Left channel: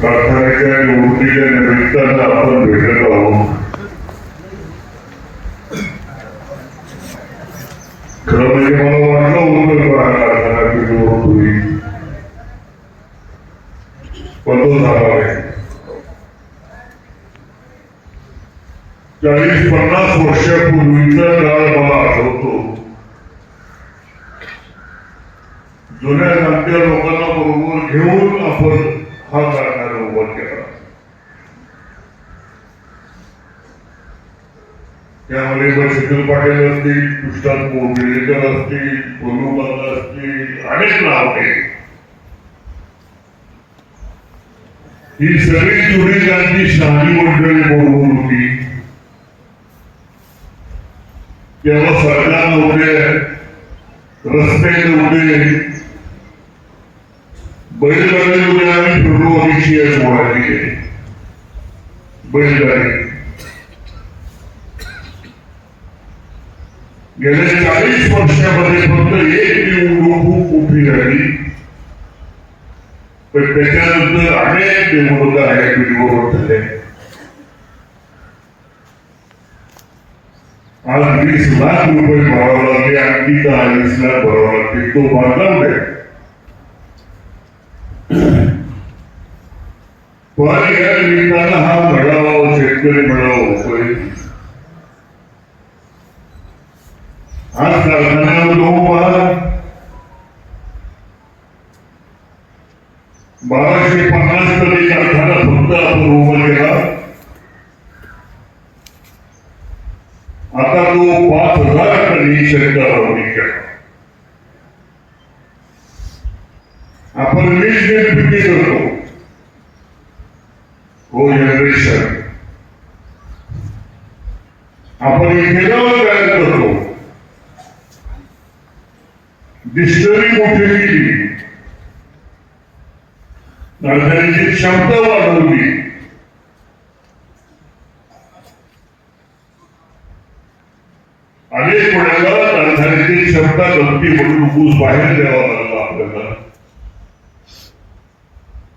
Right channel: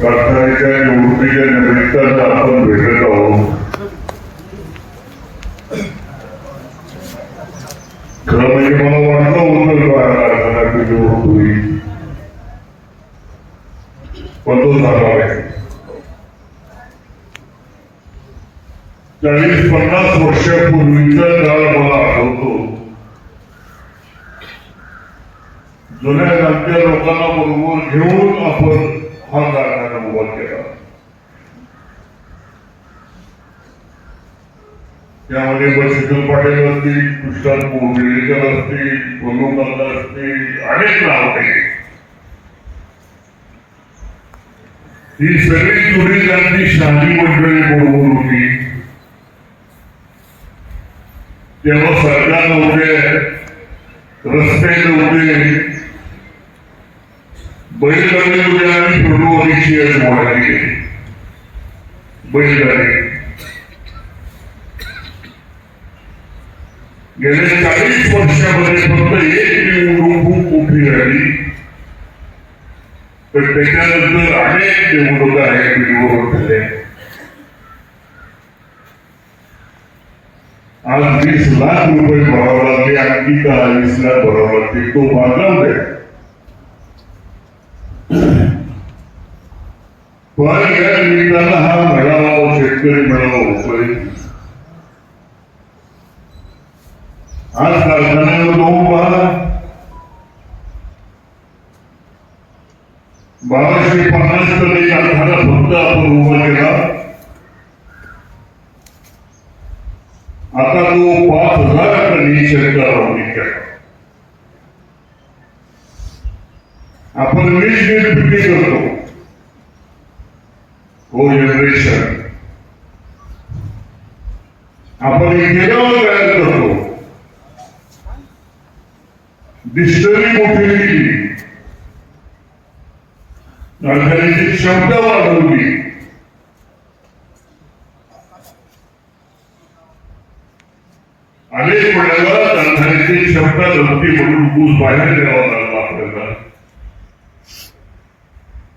कारखान्याच्या निवडणुकीच्या निमित्तानं आपण भेटत आहोत. खरं म्हणजे मला वाटलं होतं कारखान्याची निवडणूक होईल, पण तो झाला नाही. 40-50 वर्षापूर्वीचा काळ मला आठवतो. जुन्या नाट्य लोकांना बरोबर घेऊन आपण हा कारखाना उभा केला. त्यामध्ये बच्चू पाटील असतील, कृष्णात कोंडलेकर असतील, कोल्हापूर असतील, अनेक नाव आहेत. ही सगळी जुनी त्यांची शहाणी मंडळी बरोबर होती. तेव्हा सरकार नव्हते, रस्ते नव्हते, बैलगाडी आणि फेब्रुवारीची वाढली बैलगाडी. गेल्या 40 वर्षामध्ये फक्त एक निवडणूक खूप मोठी झाली, पण त्याच्यानंतर अनेक निवडणुका आहेत बिलवर झाल्या. आज 20 लाख रुपये भरावा लागले, आणखी 40 लाख भरावा लागते. तो बांधला आहे. पण या निमित्तानं हा मेळावा, शेतकरी मेळावा होतोय. आज कारखाना 1250 टन कारखाना फक्त आपण उभा केला. आता तो 5000 टन शंकरावरी केला. आपण वीज करतो. हो जनरेशन आपण इथेनॉल तयार करतो. डिस्टरी मोठी केली, कारखान्याची क्षमता वाढवली. अनेक वेळेला कारखान्याची क्षमता नव्हती म्हणून ऊस बाहेर द्यावा लागला आपल्याला.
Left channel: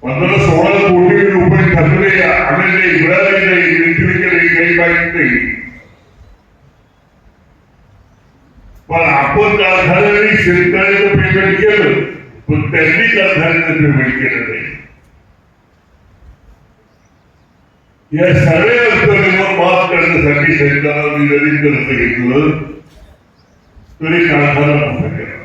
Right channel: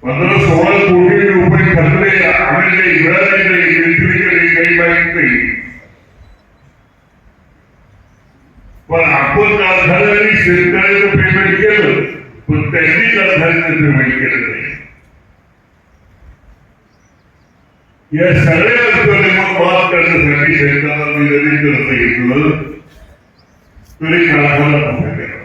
15-16 कोटी रुपये खर्चले, आम्ही इब्राहिम नाही, विक्री केली, काही माहीत नाही. पण आपण कारखान्याने शेतकऱ्याचं पेमेंट केलं, पण त्यांनी कारखान्याचं पेमेंट केलं नाही. या सगळ्या अडचणीवर मात करण्यासाठी शेतकऱ्यांना जरी करता घेतलं तरी कारखाना नव्हता केला.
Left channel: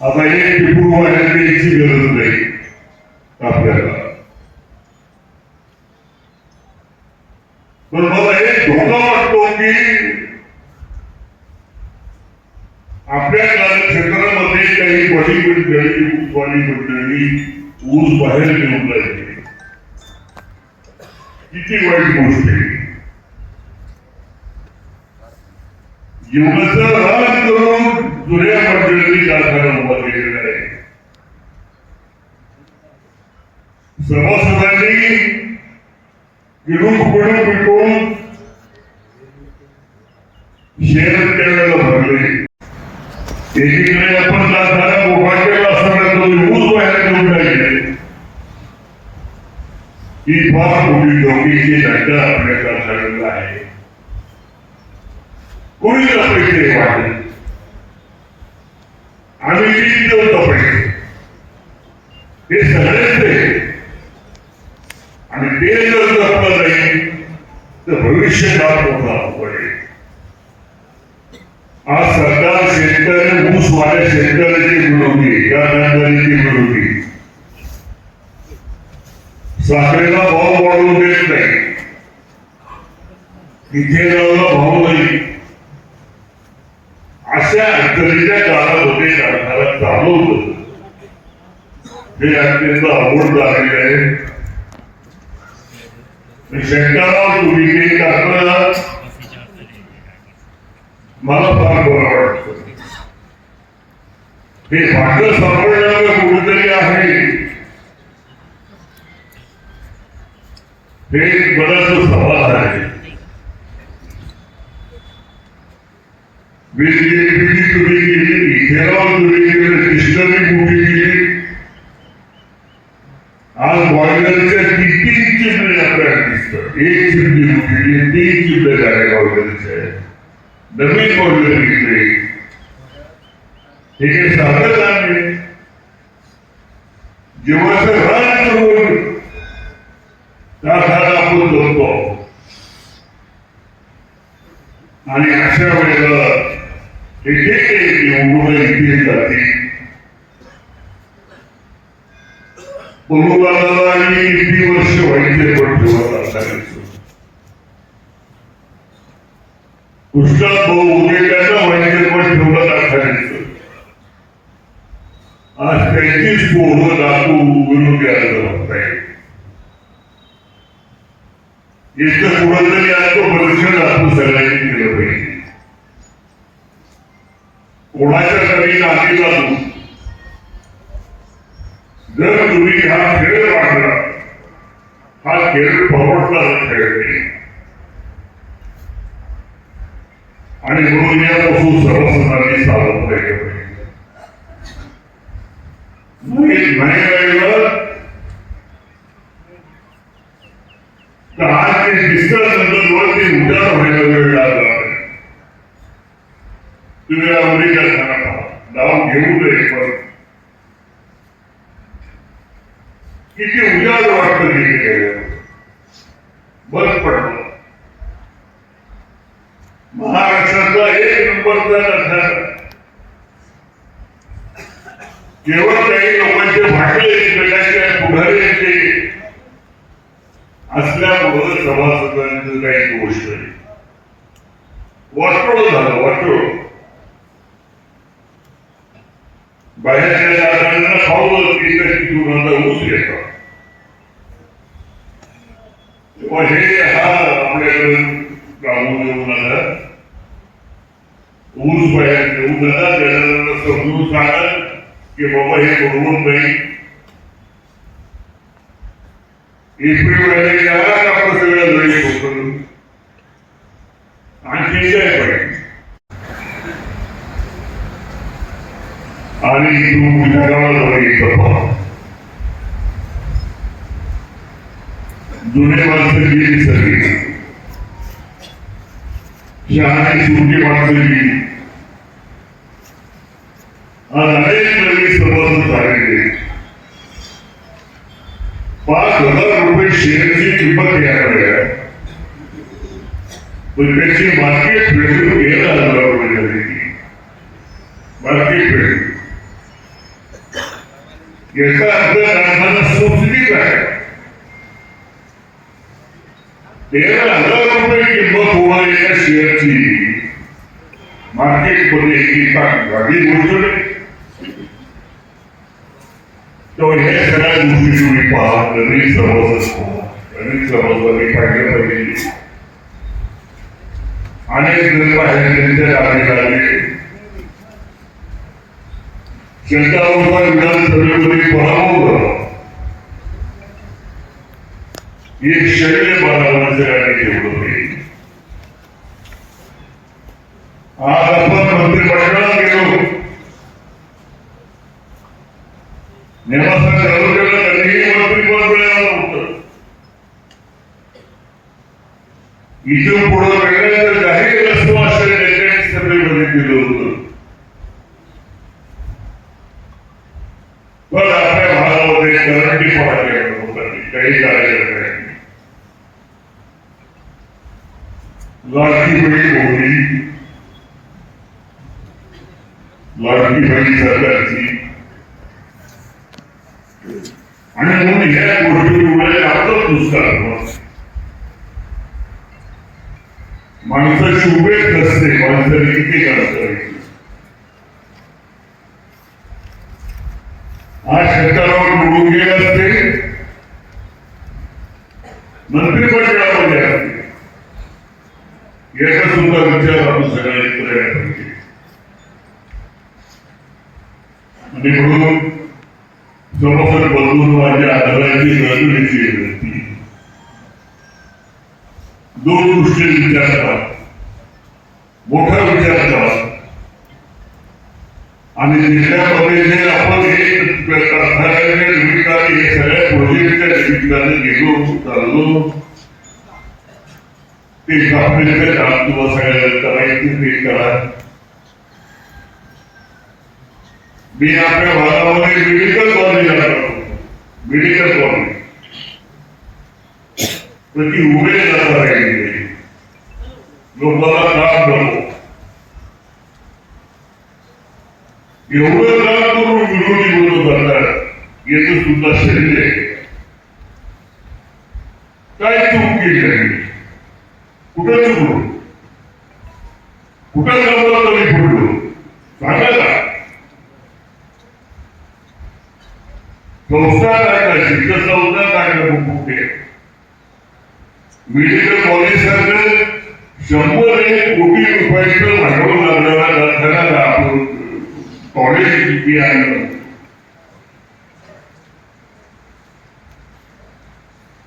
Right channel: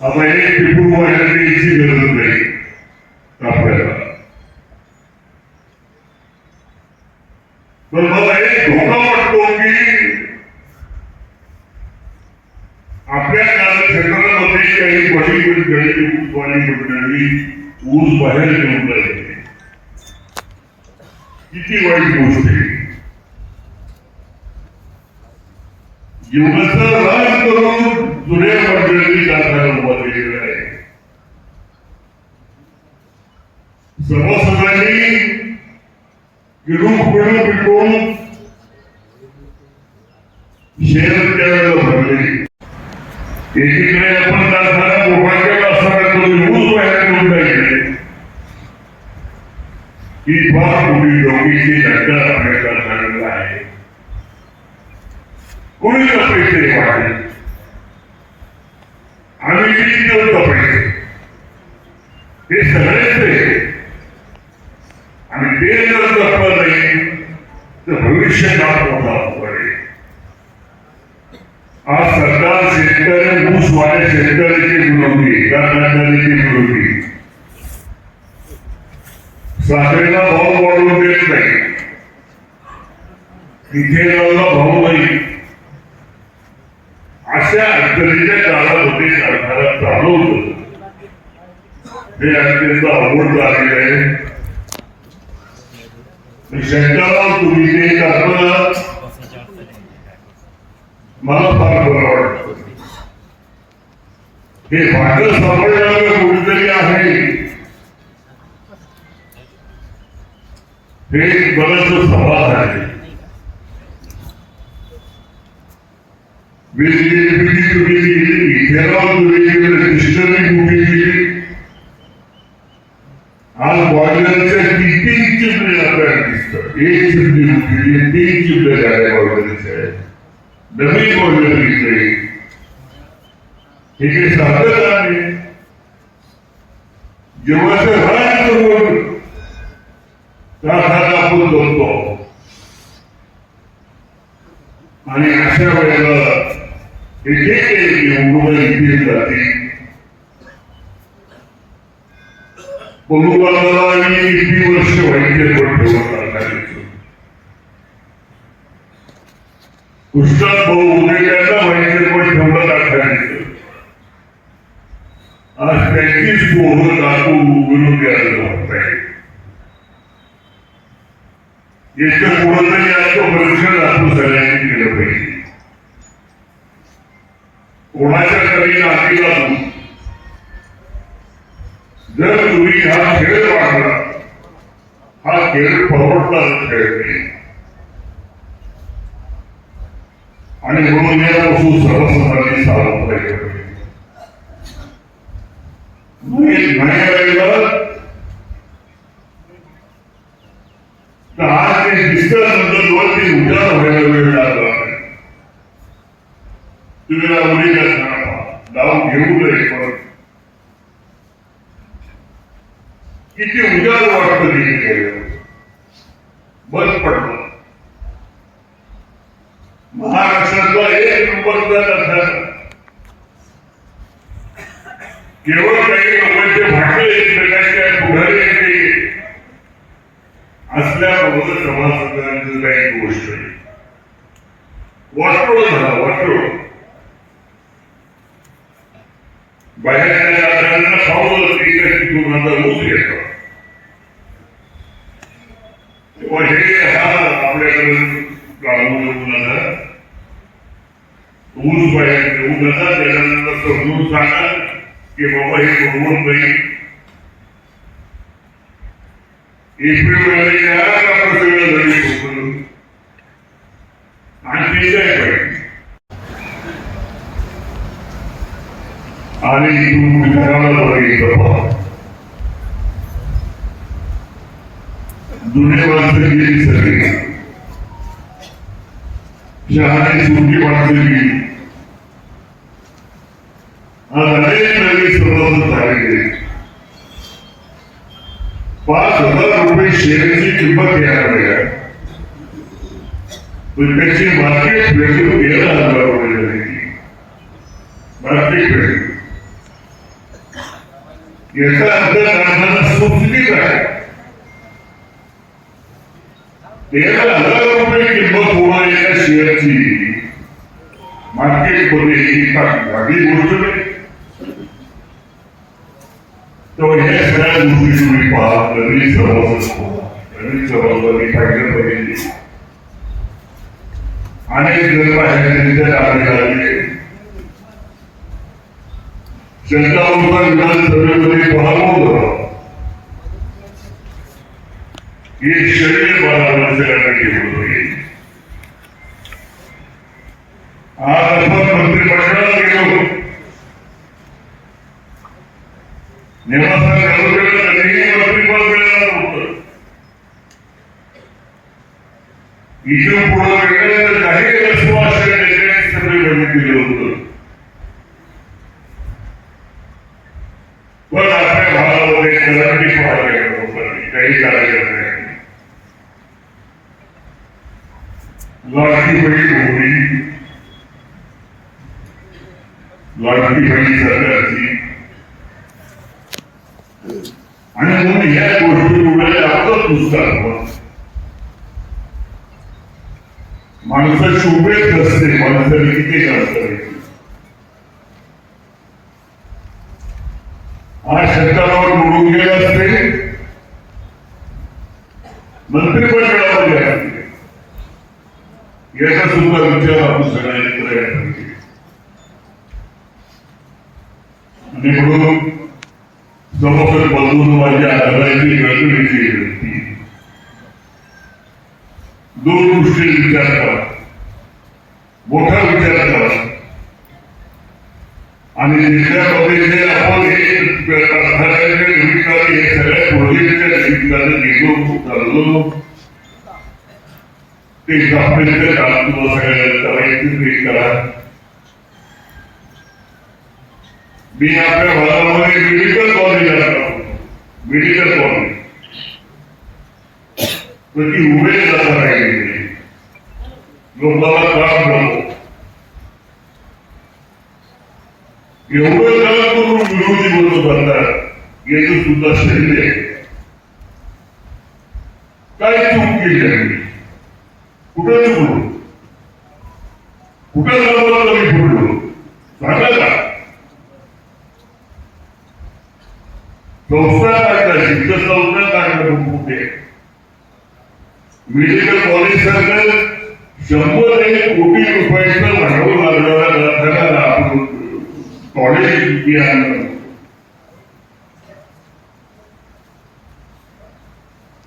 आता एक टिपू वाढण्याची गरज नाही आपल्याला. पण मला एक धोका वाटतो की आपल्या क्षेत्रामध्ये काही बॉलिवूड मंडळी ऊस बाहेर घेऊन राहिले. किती वाईट गोष्ट आहे. एवढंच राज करून जुन्या मंडळी कारखाना उभा केलेला आहे. सभासदांनी गिरून पडून पिटून शेअर त्यावेळेला भरले. एकीकडे आपण कारखाना उभा केला असं ऊस बाहेर घेऊन राहिले. ही फार मोठी डोकीची घटना आपल्या कारखान्याला आहे. कोणी पैसे वाढले, आम्ही किती देतो पैसे, हे सगळेच आहे. आणि ते जर जपलं नाही तर भविष्य मोठा पडेल. आज सरकार शेतकरी ऊस वाढे शेतकऱ्याची विरोधी, कारखानदारीची विरोधी. साखरेला भाव वाढवून देत नाही, इथेनॉलला भाव नाही. अशा अडचणीच्या काळामध्ये कारखाना चालवतो. हे अत्यंत अवघड झालेले आहे. शंकरराव तुम्ही ते आपल्याला मला फार बरं वाटतं. हे भाषण सांभाळण्याचं कुठेतरी आहे. हे बरंच सवाल आहे. तुम्ही केली, इथेनॉल तुम्ही केलं, डिस्टरी मोठी हे काही सारखं नाही. जेव्हाचं रान करून त्यासाठी आपण जगतो आणि अशा वेळेला हे जे काही मुलं इथे जाते बरोबर किती वर्ष व्हायचे पण ठेवत पुस्तक भाऊ उद्या त्यांना व्हायचे पण ठेवलं दाखवायचं. आज त्यांचीच पोहं दाखवू उघडून द्यायला वाटतंय. इतकं पुढं तरी आत्मपरीक्षण आपण सगळ्यांनी केलं पाहिजे. कोणाच्या कमी नाती लागू जर तुम्ही हा खेळ वाढला हा खेळ परवडणारा खेळ नाही आणि म्हणून यापासून सर्वसाधारण सावध पाहिजे. तर आज ते दिसल्यानंतर उद्या व्हायला वेळ लागला. तुम्ही अमेरिका जाऊन घेऊ नये पण किती उजाड वाटतं तिथे बंद पडलं. महाराष्ट्रातला एक नंबरचा लक्षात केवळ काही लोकांचे भांडले एकमेकांच्या पुढारी असल्यामुळं सभासदांचं काही गोष्ट नाही. वाटोळ झालं वाटोळ. बाहेरच्या जागांना खावलं तिथून माझा ऊस घेतला तेव्हा हे हा आपल्याकडे गावून येऊन आला. ऊस बाहेर घेऊन आला त्याच्यानंतर समजून सांगा की बाबा हे बरोबर नाही. एप्रिल महिन्यात आपण सगळं लढी होतो आणखी काय पाहिजे. आणि तू विचारायला बघितलं जुने माणसं गेली सगळी शहाणी सुटी माणसं गेली. आज अनेक नवीन सभासद झालेले. 5,000 रुपये शेअरची किंमत याकडे आहे पण त्याची मार्केट व्हॅल्यू 13,000 रुपये झाली. मार्केट व्हॅल्यू याचा अर्थ आम्हाला सबसिडी आहे. 13,000 रुपये किंमत होणार एका शेअरची मार्केटमध्ये ही गोष्ट नाही. तो हे सगळ्या गोष्टी तुम्ही पहा. नवीन सभासदांनी पाहिलं पाहिजे. अनेक जण बाहेर आले जनता विधानसभेमध्ये पराभव एक शरीर बाळाला सगळ्यांना ठेवलं पाहिजे. आज आपण मंत्रिमंडळात गेलो निवासा कधीही मंत्रिपद मिळालं नव्हतं. इथून पुढे वेगळं तर जाहीर आश्वासन देण्याचे सगळे बघितलेलं होतं. पण आपल्या भागामध्ये करंटी पाहायला लोकांनी काही करायचं नाही. लाडकी बहीण होती लाडकी बहीण सरकारची आणि म्हणून या गोष्टी आपलं पुस्तक माणसाची उमेद नसते. माणसाने किती करायचं आज शेतकऱ्यावर निवडून गेले असते मंत्रिमंडळामध्ये असते याचा सुद्धा विचार आपण सगळ्यांनी करायला पाहिजे. आणि म्हणून जवळपास बदलून माझ्या आधाराची गळगळीची व्यक्ती दोन गोष्टी विचार करा. मोठा विचार करा आणि त्याच्यामध्ये जे आपण हे सगळ्या प्रोजेक्टच्या निमित्ताने गेलो चाललो ते आपल्या काम तुला सगळ्या करायचं ते करा. मी आपल्या भागामध्ये मेडिकल कॉलेज आहे, मेडिकल कॉलेज तर ती उभे जाता राहिली, लोकांना त्रास होतो. एवढं त्रास करून विरोधी बोलत करतात याचं सुद्धा शरीर आहे. काय चूक केली आहे, कुठं चुकलो, कुठं सर्वात कमी फोडलो सांगा का? संस्था काढता शिक्षण काढणं कुठे मेडिकल कॉलेज सरकार 101 कोटी रुपयाचं भांडवल लागणारा आपण कॉलेज किती आहे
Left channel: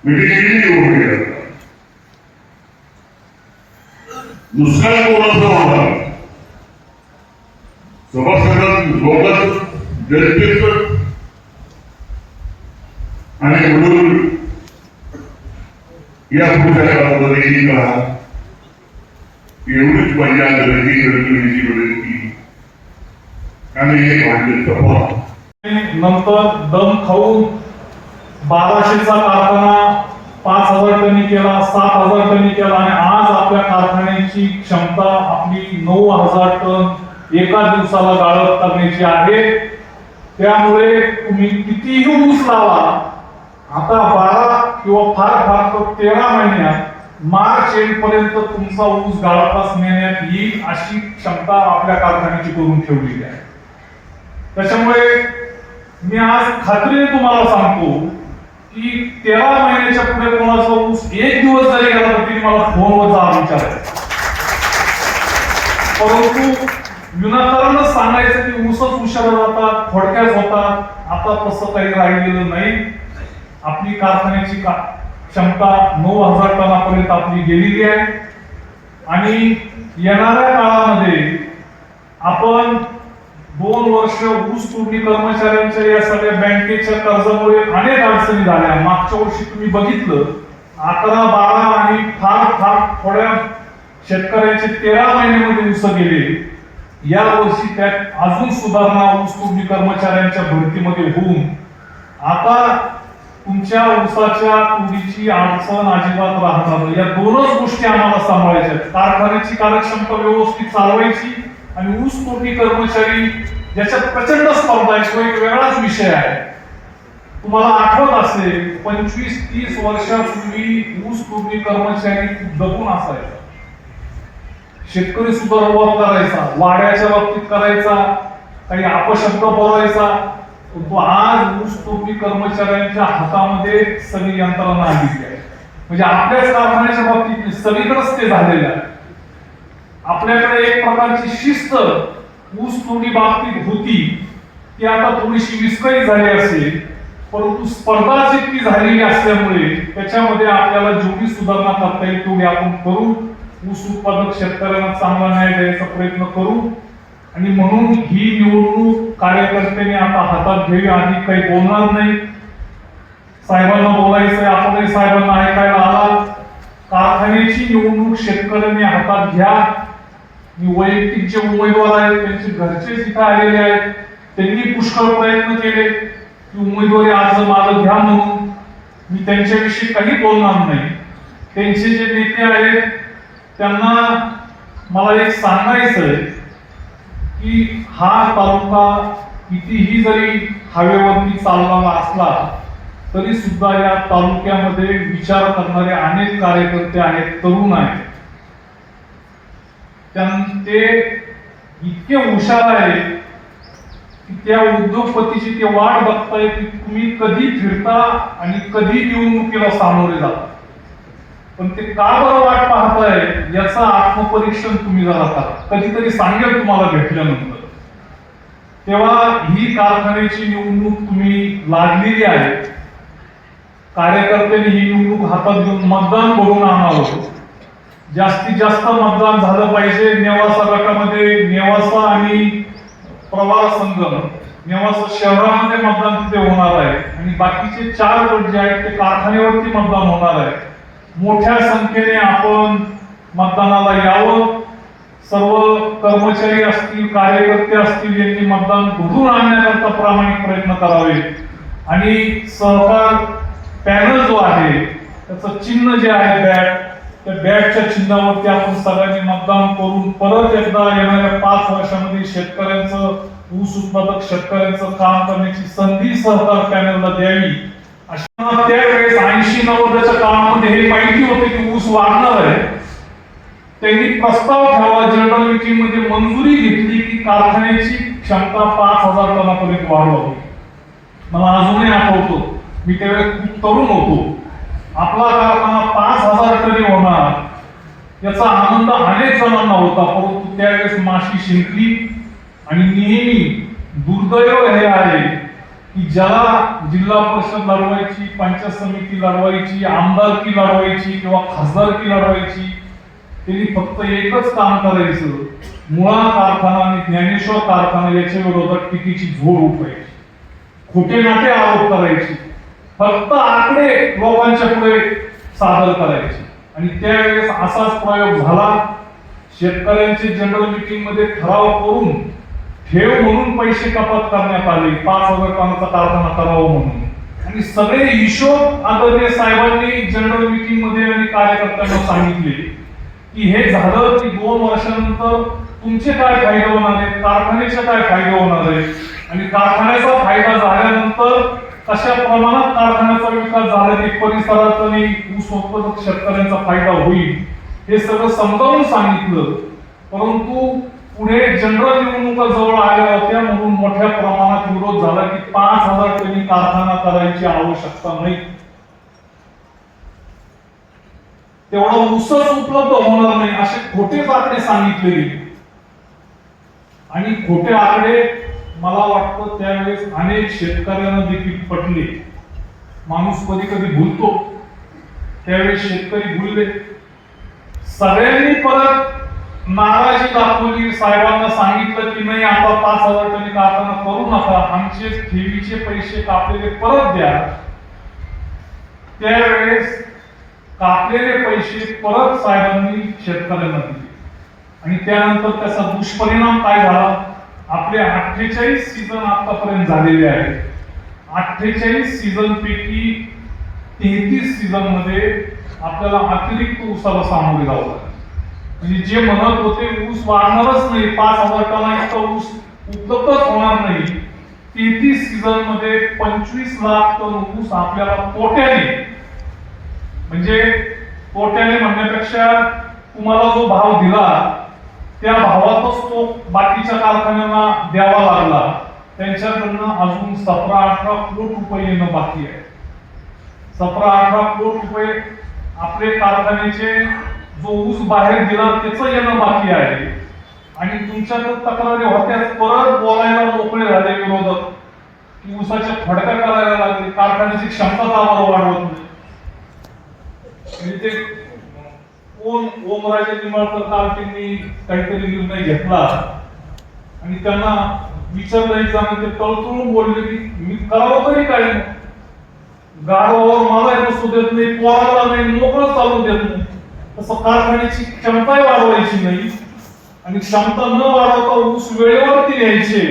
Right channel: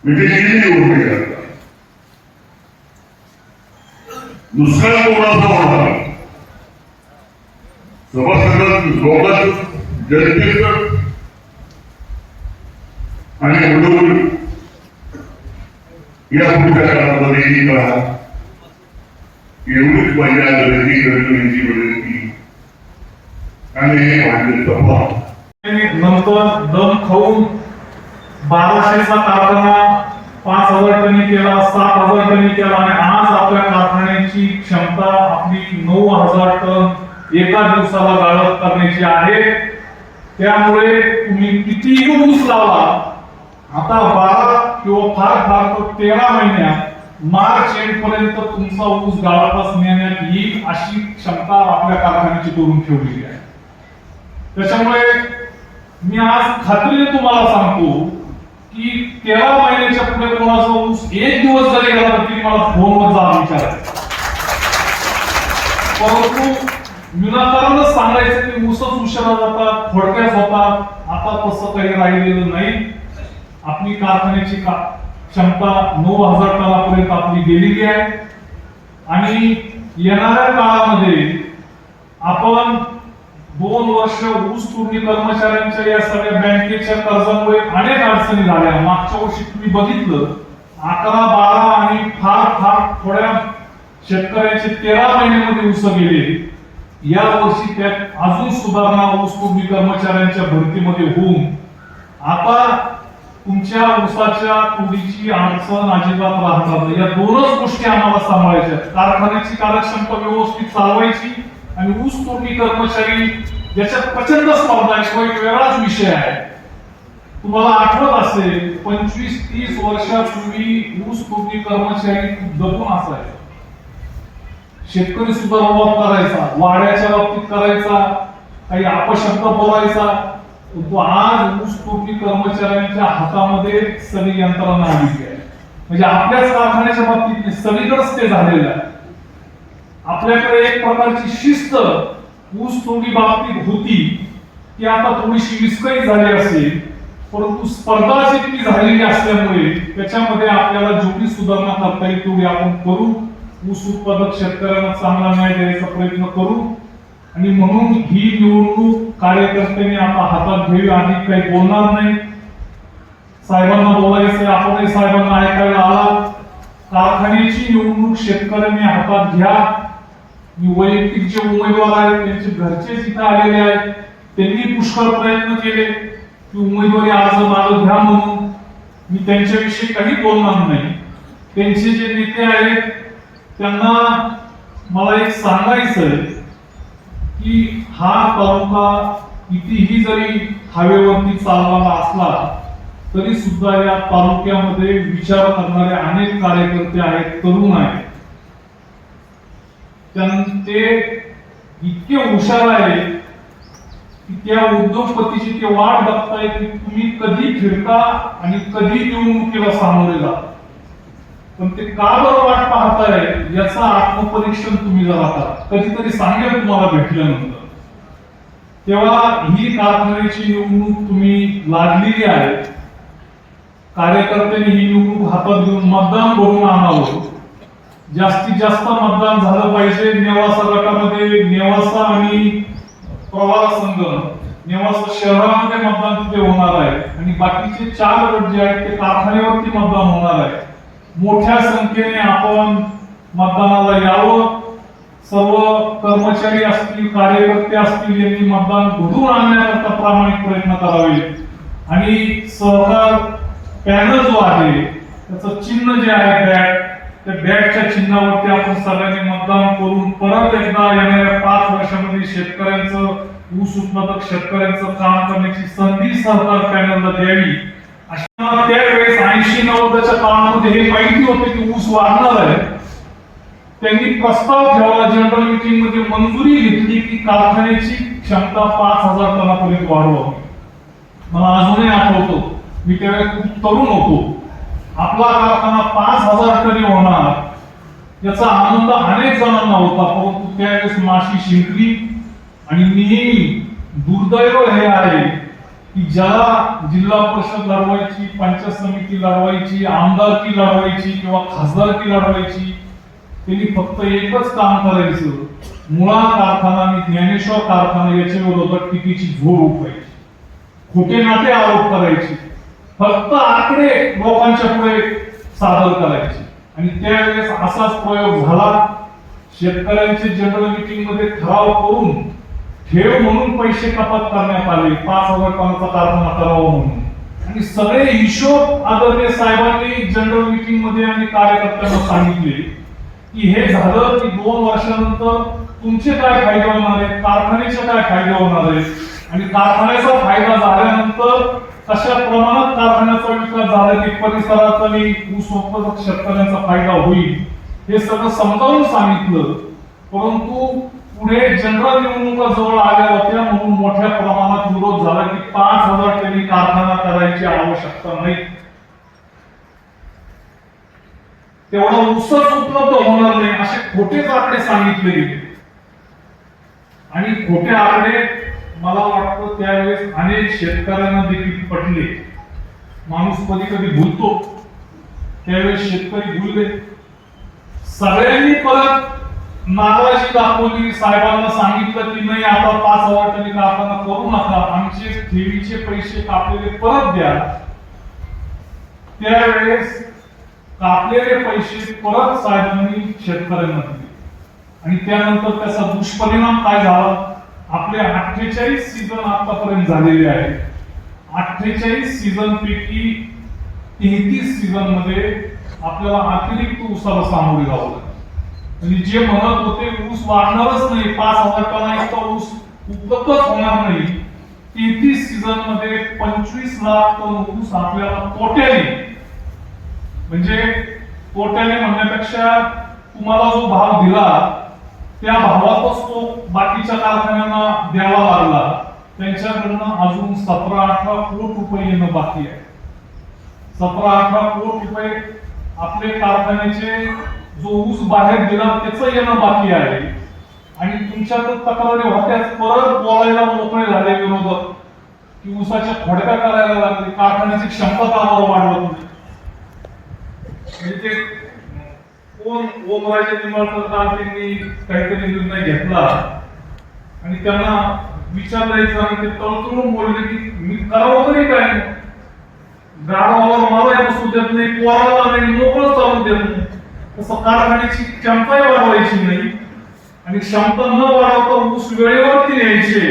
म्हणजे किती उभे करतात. दुसरा कोणाचा होणार सभासदात लोकांचं जनतेचं आणि म्हणून या पुढच्या काळामध्ये करा एवढीच पहिल्या गर्दी करण्याची विनंती आणि हे नंतर दम खाऊन 1200चा कारखाना 5000 टनी केला, 7000 टनी केला आणि आज आपल्या कारखान्याची क्षमता आपली 9000 टन एका दिवसाला गाळप करण्याची आहे. त्यामुळे तुम्ही कितीही ऊस लावा, आता 12 किंवा फार तर 13 महिन्यात मार्च एंड पर्यंत तुमचा ऊस गाळपास नेण्यात येईल अशी क्षमता आपल्या कारखान्याची करून ठेवलेली आहे. त्याच्यामुळे मी आज खात्रीने तुम्हाला सांगतो की 13 महिन्याच्या पुढे तुम्हाला ऊस एक दिवस जरी गेला तरी मला फोनवर जा विचारायचा. परंतु विनाकारणच सांगायचं की ऊसच उशिरा जातात, थोडक्यात होतात. आता तसं काही राहिलेलं नाही. आपली कारखान्याची क्षमता 9000 टनापर्यंत आपली गेलेली आहे आणि येणाऱ्या काळामध्ये आपण 2 वर्ष ऊस तोडणी कर्मचाऱ्यांच्या या सगळ्या बँकेच्या कर्जामुळे अनेक अडचणी झाल्या. मागच्या वर्षी तुम्ही बघितलं 11, 12 आणि फार थोड्या शेतकऱ्यांचे 13 महिन्यामध्ये ऊस गेले. या वर्षी त्यात अजून सुधारणा ऊस तोडणी कर्मचाऱ्यांच्या भरतीमध्ये होऊन आता तुमच्या ऊसाच्या तुरीची अडचण अजिबात राहणार नाही. या दोनच गोष्टी आम्हाला सांभाळायच्या आहेत. कारखान्याची कार्यक्षमता व्यवस्थित चालवायची आणि ऊस तोडणी कर्मचारी ज्याच्यात प्रचंड स्पर्धा आहे तो एक वेगळाच विषय आहे. तुम्हाला आठवत असेल 25-30 वर्षापूर्वी ऊस तोडणी कर्मचारी दबून असायचा. शेतकरी सुद्धा रवाब करायचा, वाड्याच्या बाबतीत करायचा, काही अपशब्द बोलायचा. तो आज ऊस तोडणी कर्मचाऱ्यांच्या हातामध्ये सगळी यंत्रणा आलेली आहे. म्हणजे आपल्याच कारखान्याच्या बाबतीत सगळीकडेच ते झालेलं आहे. आपल्याकडे एक प्रकारची शिस्त ऊस तोडणी बाबतीत होती ती आता थोडीशी विस्कळीत झाली असेल, परंतु स्पर्धा जितकी झालेली असल्यामुळे त्याच्यामध्ये आपल्याला जेवढी सुधारणा करता येईल तेवढी आपण करू. ऊस उत्पादक शेतकऱ्यांना चांगला न्याय द्यायचा प्रयत्न करू आणि म्हणून ही निवडणूक कार्यकर्त्यांनी आता हातात घ्यावी. आधी काही बोलणार नाही, साहेबांना बोलायचं, आपणही साहेबांना ऐकायला आला. कारखान्याची निवडणूक शेतकऱ्यांनी हातात घ्या. वैयक्तिक जे उमेदवार आहेत त्यांचे घरचे तिथे आलेले आहेत, त्यांनी पुष्कळ प्रयत्न केले की उमेदवारी अर्ज मागं घ्या म्हणून. मी त्यांच्याविषयी काही बोलणार नाही. त्यांचे जे नेते आहेत त्यांना मला एक सांगायचंय की हा तालुका कितीही जरी हायवेवरती चाललेला असला तरी सुद्धा या तालुक्यामध्ये विचार करणारे अनेक कार्यकर्ते आहेत, तरुण आहेत. ते इतके हुशार आहेत की त्या उद्योगपतीची ते वाट बघताय की तुम्ही कधी फिरता आणि कधी निवडणुकीला सामोरे जाता. पण ते का बरं वाट पाहताय याचा आत्मपरीक्षण तुम्ही जरा करा. कधीतरी सांगेल तुम्हाला भेटल्यानंतर. तेव्हा ही कारखान्याची निवडणूक तुम्ही लादलेली आहे. कार्यकर्त्यांनी ही निवडणूक हातात घेऊन मतदान करून आणावं. जास्तीत जास्त मतदान झालं पाहिजे. नेवासा गटामध्ये नेवासा आणि प्रवार संगम, नेवासा शहरामध्ये मतदान तिथे होणार आहे आणि बाकीचे 4 गट जे आहेत ते कारखान्यावरती मतदान होणार आहे. मोठ्या संख्येने आपण मतदानाला यावं सर्व कर्मचारी असतील, कार्यकर्ते असतील, यांनी मतदान घडून आणण्याकरता प्रामाणिक प्रयत्न करावे आणि सहकार पॅनल जो आहे त्याचं चिन्ह जे आहे बॅट, त्या बॅटच्या चिन्हावरती आपण सगळ्यांनी मतदान करून परत एकदा येणाऱ्या 5 वर्षामध्ये शेतकऱ्यांचं, ऊस उत्पादक शेतकऱ्यांचं काम करण्याची संधी सहकार पॅनलला द्यावी. अशा त्यावेळेस 80-90च्या काळामध्ये हे माहिती होते की ऊस वाढणार आहे. त्यांनी प्रस्ताव ठेवला, जनरल मीटिंग मध्ये मंजुरी घेतली की कारखान्याची क्षमता 5000 टनापर्यंत वाढवावी. मला अजूनही आठवतो, मी त्यावेळेस खूप तरुण होतो. आपला कारखाना 5000 टन होणार याचा आनंद अनेक जणांना होता, परंतु त्यावेळेस माशी शिंकली. आणि नेहमी दुर्दैव हे आहे की ज्याला जिल्हा परिषद लढवायची, पंचायत समिती लढवायची, आमदारकी लढवायची किंवा खासदारकी लढवायची, त्यांनी फक्त एकच काम करायचं, मुळा कारखाना आणि ज्ञानेश्वर कारखाना याच्या विरोधात टीकेची झोड उठवायची, खोटे नाटे आरोप करायचे, फक्त आकडे लोकांच्या पुढे सादर करायचे. आणि त्यावेळेस असाच प्रयोग झाला. शेतकऱ्यांची जनरल मीटिंग मध्ये ठराव करून ठेव म्हणून पैसे कपात करण्यात आले, 5000 टनाचा कारखाना करावा म्हणून. आणि सगळे हिशोब आदरणीय साहेबांनी जनरल मीटिंग मध्ये आणि कार्यकर्त्यांना सांगितले की हे झालं की 2 वर्षानंतर तुमचे काय फायदे होणार आहेत, कारखान्याचे काय फायदे होणार आहेत, आणि कारखान्याचा फायदा झाल्यानंतर कशा प्रमाणात कारखान्याचा विकास झाला की परिसराचा आणि ऊस उत्पादक शेतकऱ्यांचा फायदा होईल, हे सगळं समजावून सांगितलं. परंतु पुढे जनरल निवडणुका जवळ आल्या होत्या म्हणून मोठ्या प्रमाणात विरोध झाला की 5000 टनी कारखाना करायची आवश्यकता नाही, तेवढा ऊसच उपलब्ध होणार नाही, असे खोटे आकडे सांगितले गेले. आणि खोटे आकडे मला वाटतं त्यावेळेस अनेक शेतकऱ्यांना देखील पटले. माणूस कधी कधी भूलतो, त्यावेळेस शेतकरी भूलले. सगळ्यांनी परत नाराजी दाखवली, साहेबांना सांगितलं की नाही आता 5000 टनी कारखाना करू नका, आमचे ठेवीचे पैसे कापलेले परत द्या. त्यावेळेस कापलेले पैसे परत साहेबांनी शेतकऱ्यांना दिले. आणि त्यानंतर त्याचा दुष्परिणाम काय झाला, आपले 48 सीझन आतापर्यंत झालेले आहेत. 48 सीझन पैकी 33 सीझन मध्ये आपल्याला अतिरिक्त ऊसाला सामोरे जावं लागलं. म्हणजे जे म्हणत होते ऊस वाढणारच नाही, 5000 टना इतका ऊस उपलब्धच होणार नाही, 33 सीझन मध्ये 25 लाख टन ऊस आपल्याला पोट्याने, म्हणजे पोट्याने म्हणण्यापेक्षा तुम्हाला जो भाव दिला त्या भावातच तो बाकीच्या कारखान्यांना द्यावा लागला. त्यांच्याकडनं अजून 17-18 कोटी रुपये येणं बाकी आहे. 17-18 कोटी रुपये आपले कारखान्याचे जो ऊस बाहेर दिला त्याचं येणं बाकी आहे. आणि तुमच्याकडे तक्रारी होत्याच, परत बोलायला मोकळे झाले विरोधक की ऊसाच्या फडक्या करायला लागले, कारखान्याची क्षमता आम्हाला वाढवत नाही. म्हणजे ते कोण ओमराजे निंबाळकर काल त्यांनी काहीतरी निर्णय घेतला आणि त्यांना विचारलं आणि ते तळतळून बोलले की मी करावं तरी काय, गाडवावर मला बसू देत नाही, पोराला नाही, मोकळं चालू देत नाही. तसं कारखान्याची क्षमताही वाढवायची नाही आणि क्षमता न वाढवता ऊस वेळेवरती न्यायचे.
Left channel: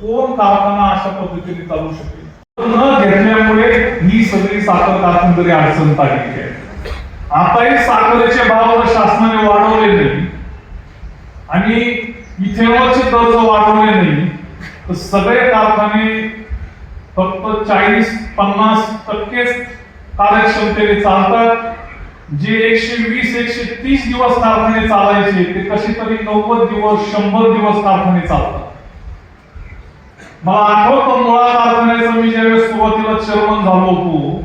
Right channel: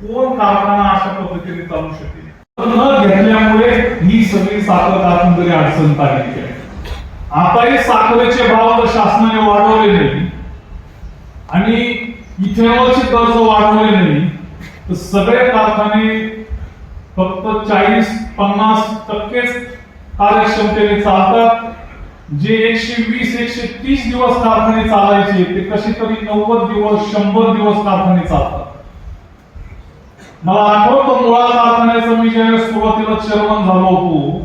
कोण कारखाना अशा पद्धतीने चालू शकेल? न घेतल्यामुळे ही सगळी साखर कारखानदारी अडचणीत आली आहे. आताही साखरेचे भाव शासनाने वाढवले नाही आणि इथेनॉलचे दर वाढवले नाही, तर सगळे कारखाने फक्त 40-50% कार्यक्षमतेने चालतात. जे 120-130 दिवस कारखाने चालायचे ते कसे तरी 90 दिवस 100 दिवस कारखाने चालतात. मला आठवतं मुळा कारखान्याचा मी ज्यावेळेस सुरुवातीला चेअरमन झालो होतो,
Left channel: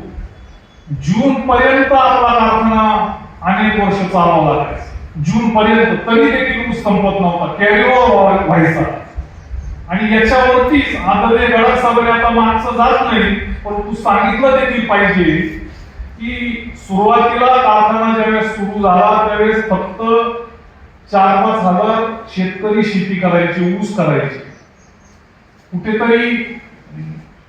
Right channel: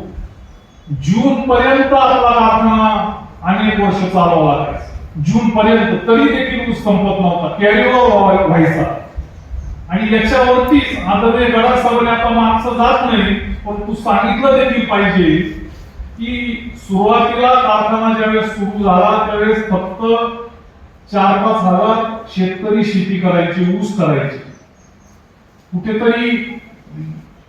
जून पर्यंत आपला कारखाना अनेक वर्ष चालवावा लागायचा. जून पर्यंत तरी देखील ऊस संपत नव्हता, कॅरीओव्हर व्हायचा. आणि याच्यावरतीच आदरणीय गडाख साहेबांनी आता मागचं जात नाही, परंतु सांगितलं देखील पाहिजे की सुरुवातीला कारखाना ज्यावेळेस सुरू झाला त्यावेळेस फक्त 4-5 हजार शेतकरी शेती करायचे, ऊस करायचे. कुठेतरी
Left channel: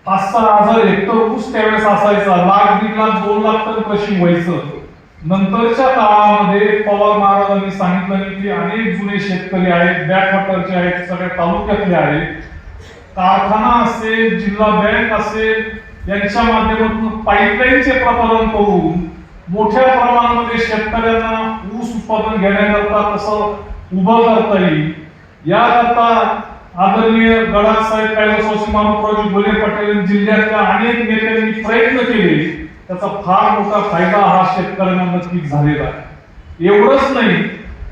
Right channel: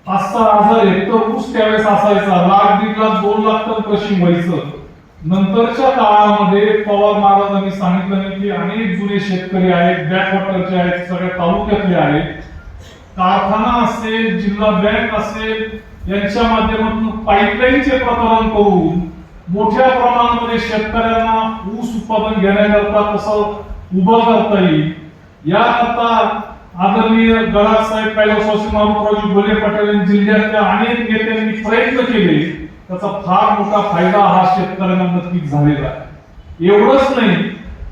5-6 हजार हेक्टर ऊस त्यावेळेस असायचा. 1,00,000, 1,50,000, 2 लाख टन क्रशिंग व्हायचं. नंतरच्या काळामध्ये पवार महाराजांनी सांगितलं की अनेक जुने शेतकरी आहेत, बॅकवॉटरचे आहेत, सगळ्या तालुक्यातले आहेत, कारखाना असेल, जिल्हा बँक असेल, यांच्या माध्यमातून पाईपलाईनचे प्रकरण करून मोठ्या प्रमाणामध्ये शेतकऱ्यांना ऊस उत्पादन घेण्याकरता कसं उभं करता येईल याकरता आदरणीय गडाख साहेब, कैलासवासी मारुतरावजी बोले पटेल यांनी जिल्ह्यातल्या अनेक नेत्यांनी प्रयत्न केले. त्याचा फार मोठा फायदा हा शेतकऱ्यांना नक्कीच झालेला आहे. एवढंच नाही,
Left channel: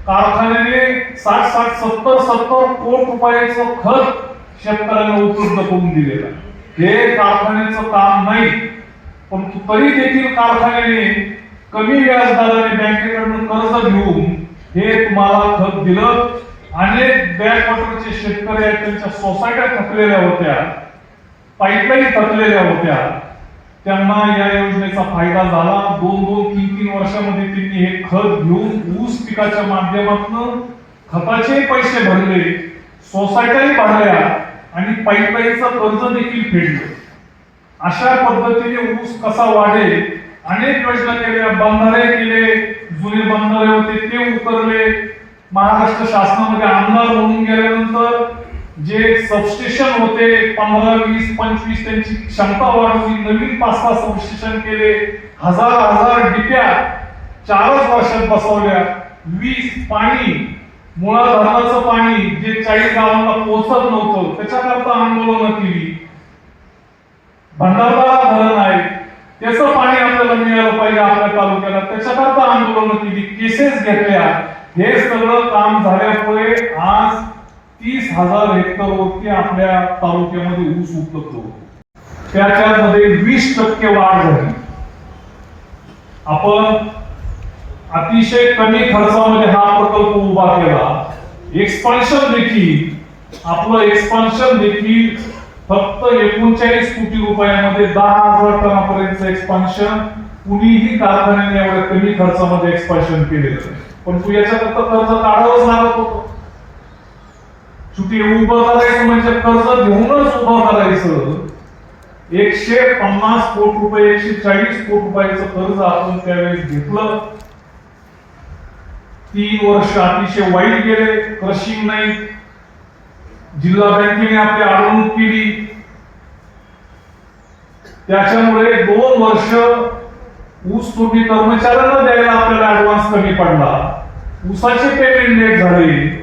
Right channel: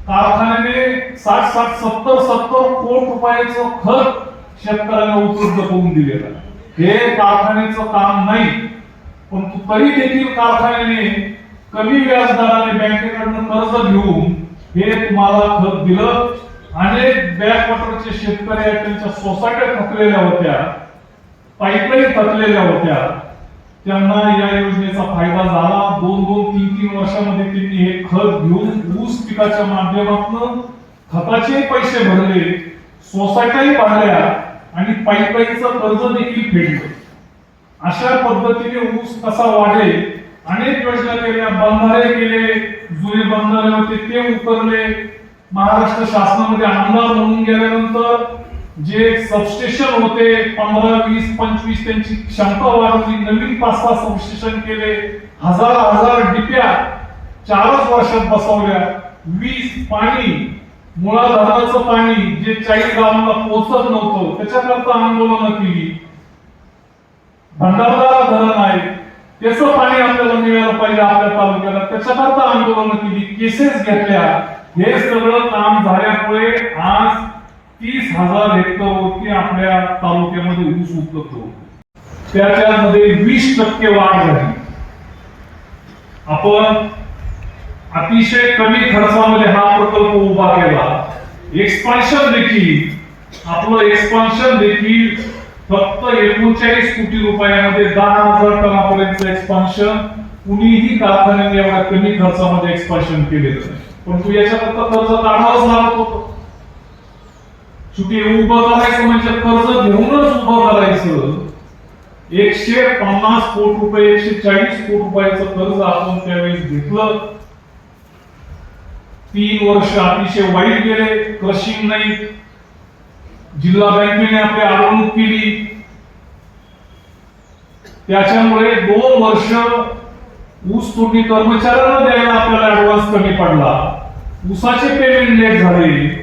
कारखान्याने 60-70 कोटी रुपयाचं खत शेतकऱ्यांना उपलब्ध करून दिलेलं आहे. हे कारखान्याचं काम नाही, परंतु तरी देखील कारखान्याने कमी व्याजदराने बँकेकडून कर्ज घेऊन हे तुम्हाला खत दिलं. अनेक बॅकवॉटरचे शेतकरी आहेत, त्यांच्या सोसायट्या थकलेल्या होत्या, पाईपलाईन थकलेल्या होत्या, त्यांना या योजनेचा फायदा झाला. 2-3 वर्षामध्ये त्यांनी हे खत घेऊन ऊस पिकाच्या माध्यमातून खताचे पैसे भरले, सोसायट्याही भरल्या आणि पाईपलाईनचं कर्ज देखील फेडलं. अशा पद्धतीने ऊस कसा वाढेल अनेक योजना केल्या, बंधारे केले, जुने बंधारे होते ते उकरले. महाराष्ट्र शासनामध्ये आमदार म्हणून गेल्यानंतर जे सबस्टेशन होते 15, 20, 25 त्यांची क्षमता वाढवली, नवीन 5-6 सबस्टेशन केले, हजार डिप्या 4च वर्षात बसवल्या. वीज, पाणी, मुळा धरणाचं पाणी जे 40 गावांना पोहोचत नव्हतं त्याच्याकरता आंदोलनं केली. भंडारदरा धरण आहे, त्याचं पाणी आपल्याला मिळालं पाहिजे आपल्या तालुक्याला, त्याच्याकरता आंदोलनं केली, केसेस घेतल्या. हे सगळं काम झाल्यामुळे आज 30,000 हेक्टरवरती आपल्या तालुक्यामध्ये ऊस उपलब्ध होतो. त्याच्यामध्ये 20% वाढ झाली. आपण अतिशय कमी खर्चामध्ये हा प्रकल्प उभा केला. एक्सपान्शन देखील आपलं एक्सपान्शन देखील फक्त 39 कोटी रुपयामध्ये 10,000 टनापर्यंत एक्सपान्शन कुणीही कारखान्याने एवढ्या कमी खर्चामध्ये एक्सपान्शन केलेलं नाही. पण तू याच्याकरता कर्ज काढावंच लागत होतं. चुकी उभं करायचं म्हणजे कर्ज घेऊनच उभं करायचं. 150 कोटी रुपये, 140 कोटी रुपयाचं कर्ज आपण त्यावेळेस घेतलं. 3 वर्ष अतिशय वाईट गेले, क्रशिंग नाही, जिल्हा बँकेने आपली अडवणूक केली. त्याच्यामुळे 2 वर्ष ऊस तोडणी कर्मचाऱ्यांना द्यायला आपल्याला ऍडव्हान्स कमी पडला, ऊसाचे पेमेंट लेट झाले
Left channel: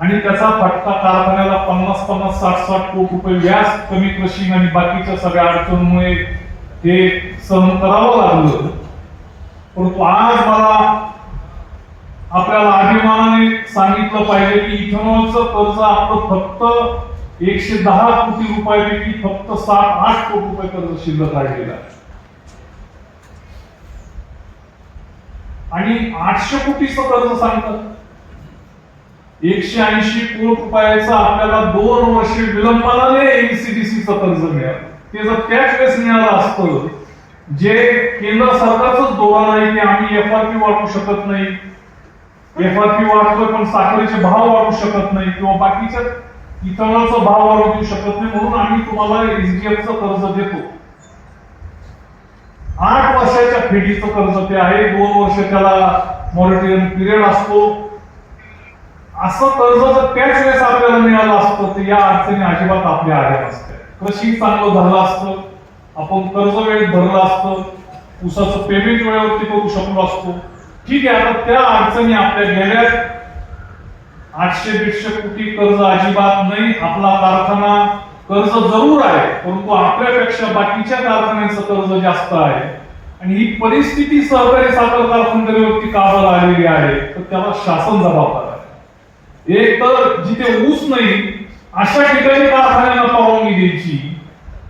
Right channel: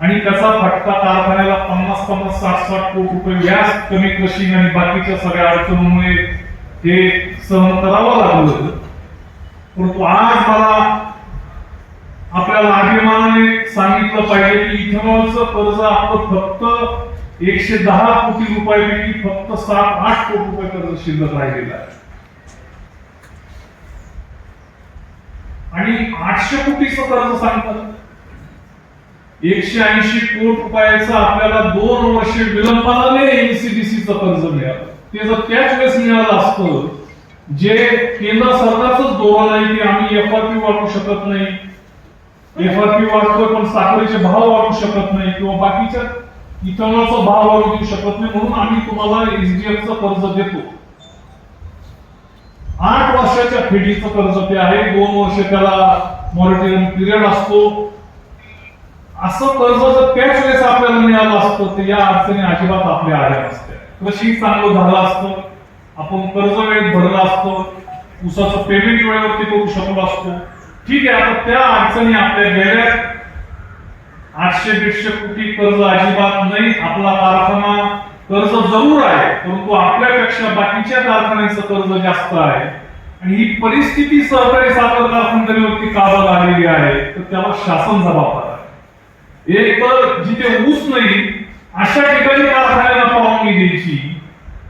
आणि त्याचा फटका कारखान्याला 50-50, 60-60 कोटी रुपये व्याज, कमी क्रशिंग आणि बाकीच्या सगळ्या अडचणींमुळे हे सहन करावं लागलं. परंतु आज मला आपल्याला अभिमानाने सांगितलं पाहिजे की इथेनॉलचं कर्ज आपलं फक्त 110 कोटी रुपयापैकी फक्त 7-8 कोटी रुपये कर्ज शिल्लक राहिलेलं आहे. आणि 800 कोटीचं कर्ज सांगतात. 180 कोटी रुपयाचं आपल्याला 2 वर्ष विलंबाने एनसीडीसीचं कर्ज मिळालं. ते जर त्याच वेळेस मिळालं असतं, जे केंद्र सरकारचंच धोरण आहे की आम्ही एफआरपी वाढवू शकत नाही, एफआरपी वाढतोय पण साखरेचे भाव वाढवू शकत नाही किंवा बाकीच्या इथेनॉलचा भाव वाढवू देऊ शकत नाही, म्हणून आम्ही तुम्हाला एसडीएफचं कर्ज देतो. 8 वर्षाच्या फेडीचं कर्ज ते आहे, 2 वर्ष त्याला मॉनिटरिंग पिरियड असतो. असं कर्ज जर त्याच वेळेस आपल्याला मिळालं असतं तर या अडचणी अजिबात आपल्या आल्या नसत्या. कृषी चांगलं झालं असतं, आपण कर्ज वेळेत भरलं असतं, ऊसाचं पेमेंट वेळेवरती करू शकलो असतो. ठीक आहे, आता त्या अडचणी आपल्या गेल्यात. 800-150 कोटी कर्ज अजिबात नाही. आपला कारखाना कर्ज जरूर आहे, परंतु आपल्यापेक्षा बाकीच्या कारखान्यांचं कर्ज जास्त आहे. आणि ही परिस्थिती सहकारी साखर कारखानदारीवरती का बरं आलेली आहे तर त्याला शासन जबाबदार आहे. एक तर जिथे ऊस नाही अशा ठिकाणी कारखान्याला परवानगी द्यायची